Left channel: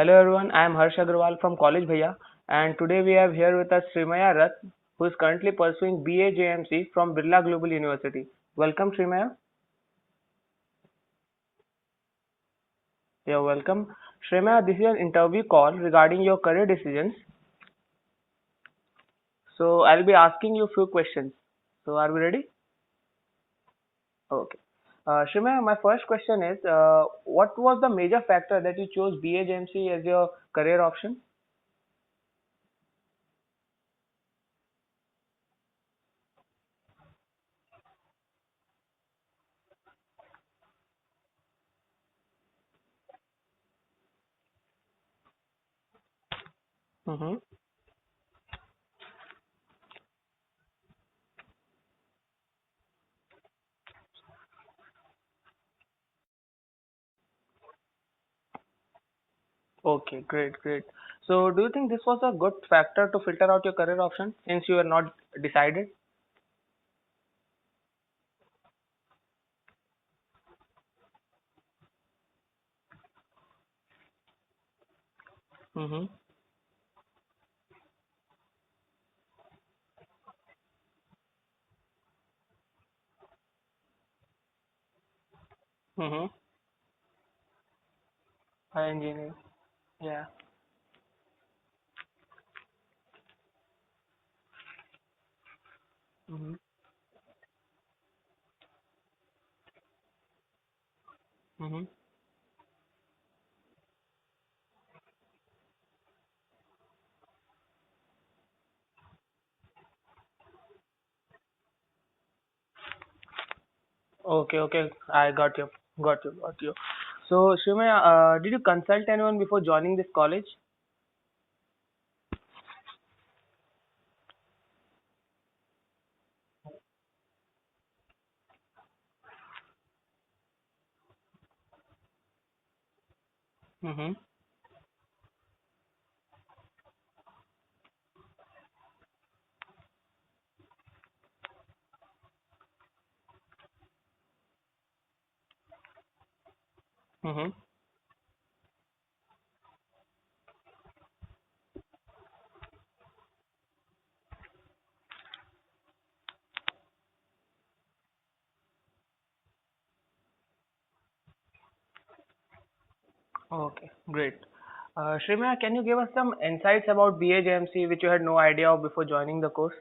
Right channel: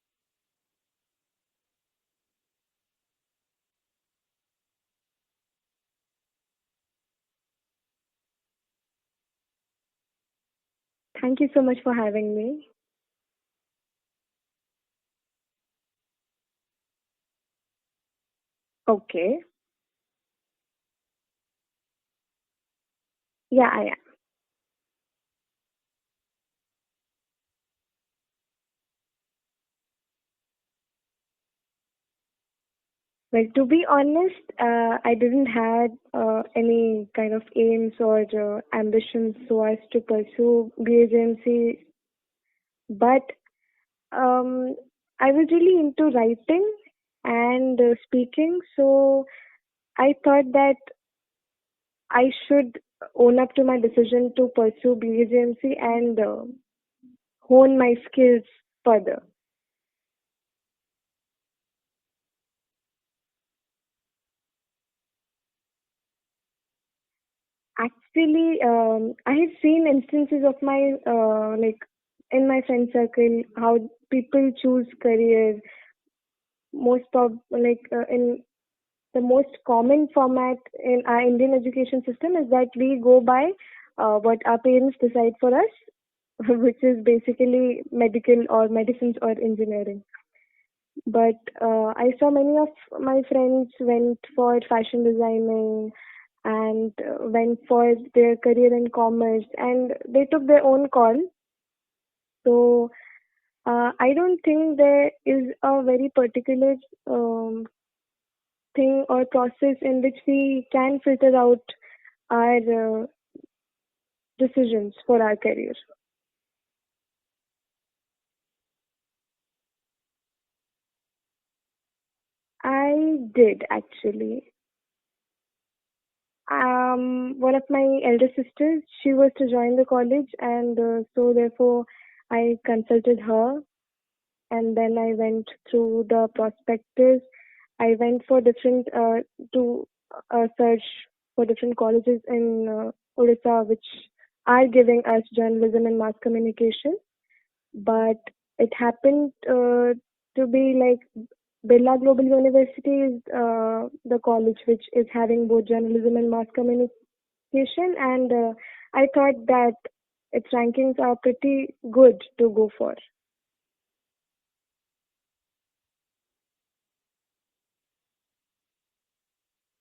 Hello everyone, I am Harsh Agrawal from College Bhaiya, and today we have here with us Srimaya Rath, who is currently pursuing BA JMC from Birla Global University. Welcome Srimaya. Thank you so much for having me. You're welcome. Srimaya, this is an interview call regarding your career decisions. Okay. So I'll be asking you a few questions. So are we ready? Yeah, I am. Okay. Srimaya, my first question is, what was the major factor that you chose BA JMC as your career option? Well, to be honest, I didn't have any kind of aims or ambitions so as to pursue BHMC, but um, I was really into writing Mm-hmm. and speaking, so I thought that I should own up to my decision to pursue BHMC and hone my skills further. Okay, great, great. So, do you think this was a good factor to filter out your career option since you were not decided? Actually, I have seen instances of my in my friend circle how people choose careers. Mm-hmm. In the most common format in our Indian education system is that we go by what our parents decide for us, Mm-hmm. which is basically medical or medicines or Engineering. engineering. Yeah. But I saw many of my friends went for fashion designing Mm-hmm. and went for their career in commerce, and they took their own call. Mm-hmm. So I don't think there is a very particular um, thing or process in which we can filter out our Okay, okay. decisions for I our got you. career. Got you. Got you. So, Shrimaya, did you consult anyone before joining this college? I did actually. One of my elder sisters, she was to join the college, and so therefore I consulted her, Mm-hmm. and then I went through the prospectus. I went for different to search for different colleges in Odisha, which are giving us journalism and mass communication. Mm-hmm. But it happened to be like Birla Global University is the college which is having both journalism and mass communication, and I thought that its rankings are pretty good to go for. Okay, great. Shrimaya, can you give us some insights about BAJMC which you had no idea of before joining the course?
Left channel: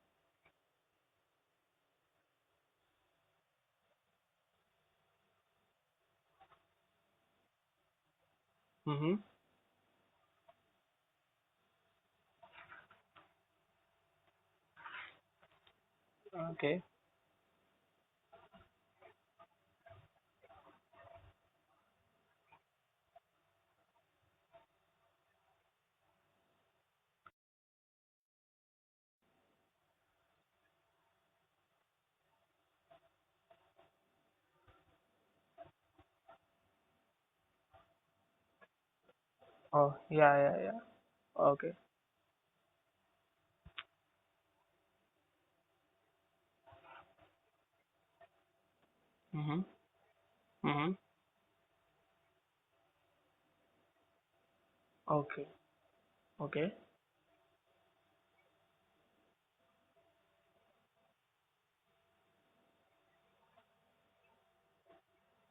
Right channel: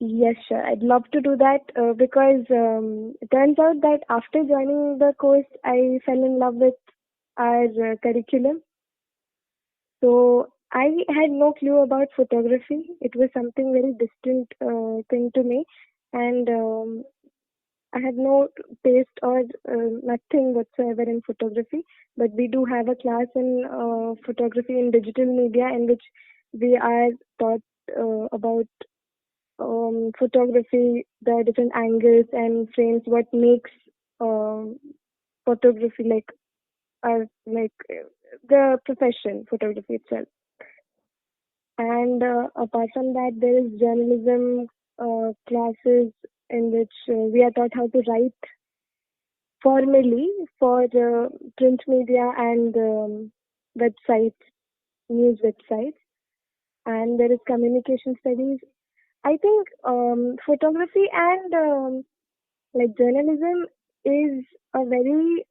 Yes, sure. I'd love to do that because it turns out that after joining the course, I fell in love with our curriculum. Mm-hmm. So I had no clue about photography. It was something very distant thing to me, and Okay. I had no taste or nothing whatsoever in photography. But we do have a class in photography in digital media in which we are taught about photography, the different angles and frames, what makes um, photography the profession photography Oh, itself. yeah, yeah, yeah. Okay. And apart from that, there is journalism classes in which we are taught how to write Mm-hmm. formally for Mm-hmm. the print media and websites, news Okay. websites. Okay. And there is communication studies. I think photography and journalism is a very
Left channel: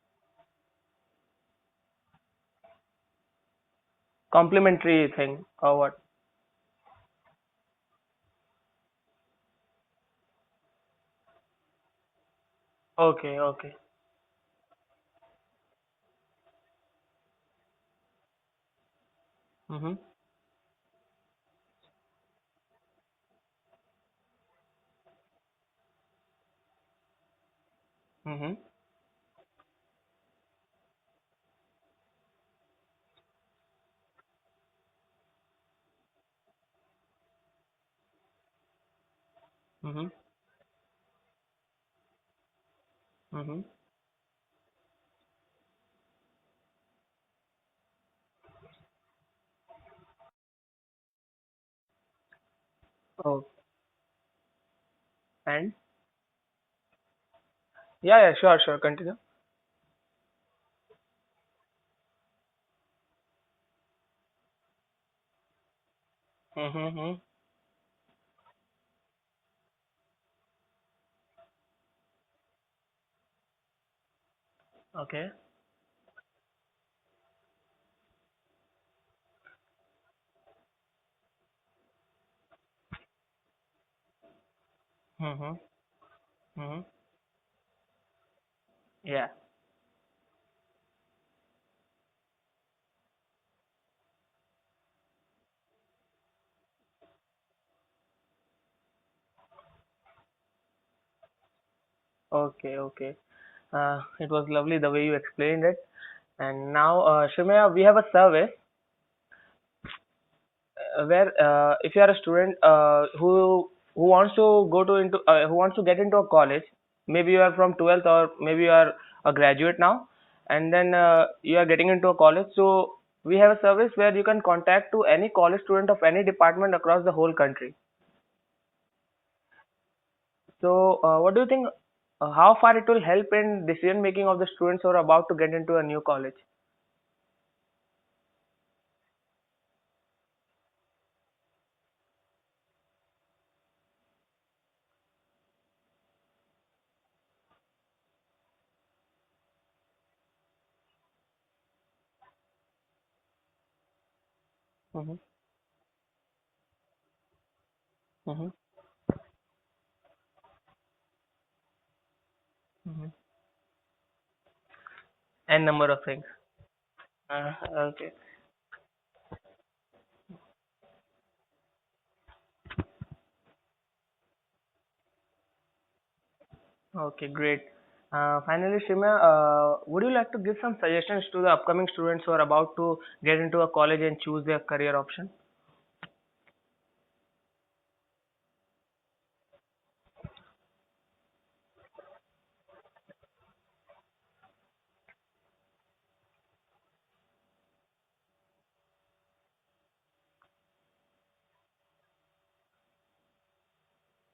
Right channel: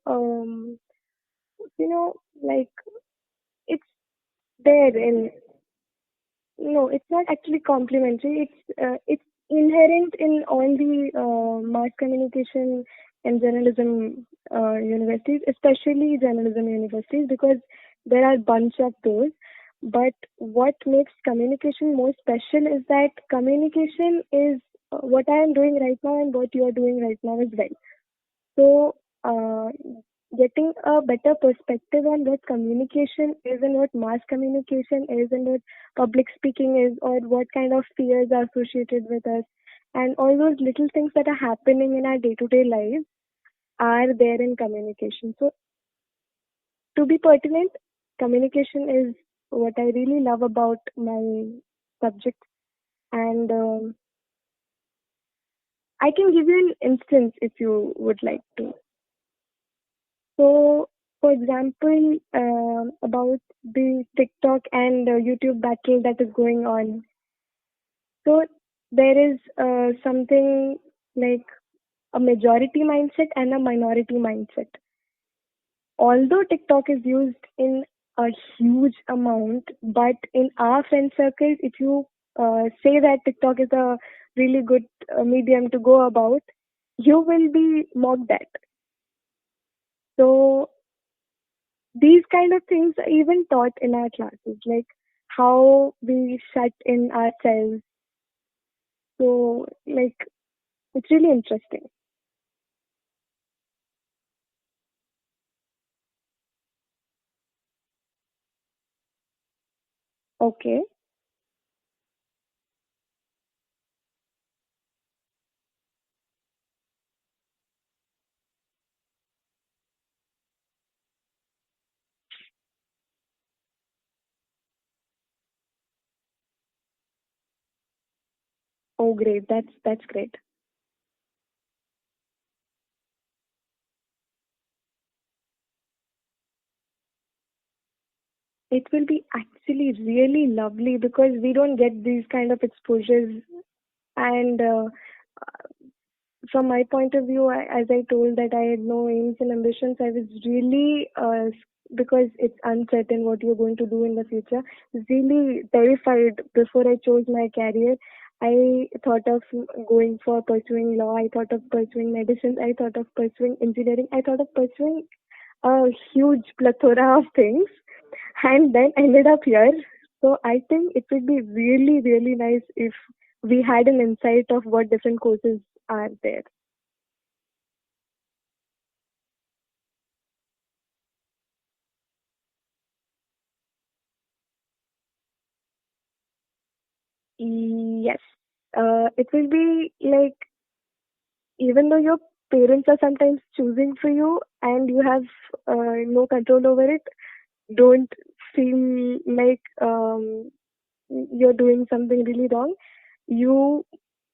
like it's there Complementary in. thing or what? No, it's not actually complementary. It's inherent in all the mass communication Okay, and okay. journalism universities, especially journalism universities, because there are bunch of those. Mm-hmm. But what makes communication more special is that communication is what I am doing right now and what you are doing right now as well. Mm-hmm. So, getting a better perspective on what communication is and what mass communication is and what public speaking is or what kind of fears are associated with us Mm-hmm. and all those little things that are happening in our day-to-day lives Mm-hmm. are there in communication. So, to be pertinent, communication is what I really love about my subject, Oh, and and I can give you an instance if you would yeah, yeah, like sure, to. sure. Continue. So, for example, about the TikTok and YouTube battle that is going on. Mm-hmm. So there is something like a majority mindset and a minority mindset. Okay. Although TikTok is used in a huge amount, but in our friend circle, if you say that TikTok is a really good Mm-hmm. medium to go about, Mm-hmm. you will be mocked at. Yeah. So these kind of things are even taught in our classes, like how we shut in ourselves. So like it's really interesting. Okay. Okay. It was lovely the way you explained it. And now, Shrimaya, we have a survey Okay. where if you are a student who wants to go to into who wants to get into a college, maybe you are from 12th or maybe you are a graduate now, and then you are getting into a college. So we have a service where you can contact to any college student of any department across the whole country. Oh, great. That's great. So what do you think? How far it will help in decision making of the students who are about to get into a new college? It will be actually really lovely because we don't get these kind of exposures. And from my point of view, as I told that I had no aims and ambitions, I was really because it's uncertain what you're going to do in the future. Mm-hmm. Really terrified before I chose my career. Mm-hmm. I thought of going for pursuing law. I thought of pursuing medicine. I thought of Mm-hmm. pursuing engineering. I thought of pursuing N number a of things. huge plethora of things, Okay. and then ended up here. So I think it would be really, really nice if we had an insight of what different courses are there. Okay, great. Finally, Shimya, would you like to give some suggestions to the upcoming students who are about to get into a college and choose their career option? Yes. It will be like, even though your parents are sometimes choosing for you and you have no control over it, don't feel like you're doing something really wrong. You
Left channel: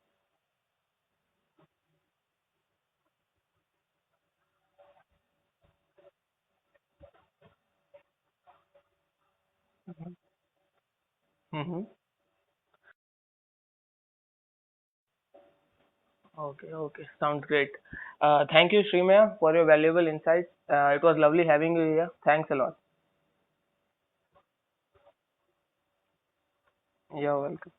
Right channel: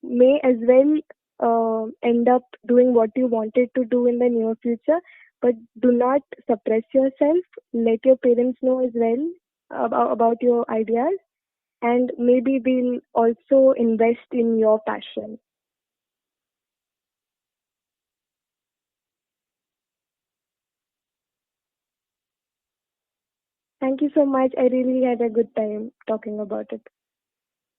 may as well end up doing what you wanted to do in the near future, but do not suppress yourself. Let your parents know as well about your ideas, Mm-hmm. and maybe they'll also invest in your passion. Okay, okay, sounds great. Thank you, Shrimaya, for your valuable insights. It was lovely having you here. Thanks a lot. Thank you so much. I really had a good time talking about it. You're welcome.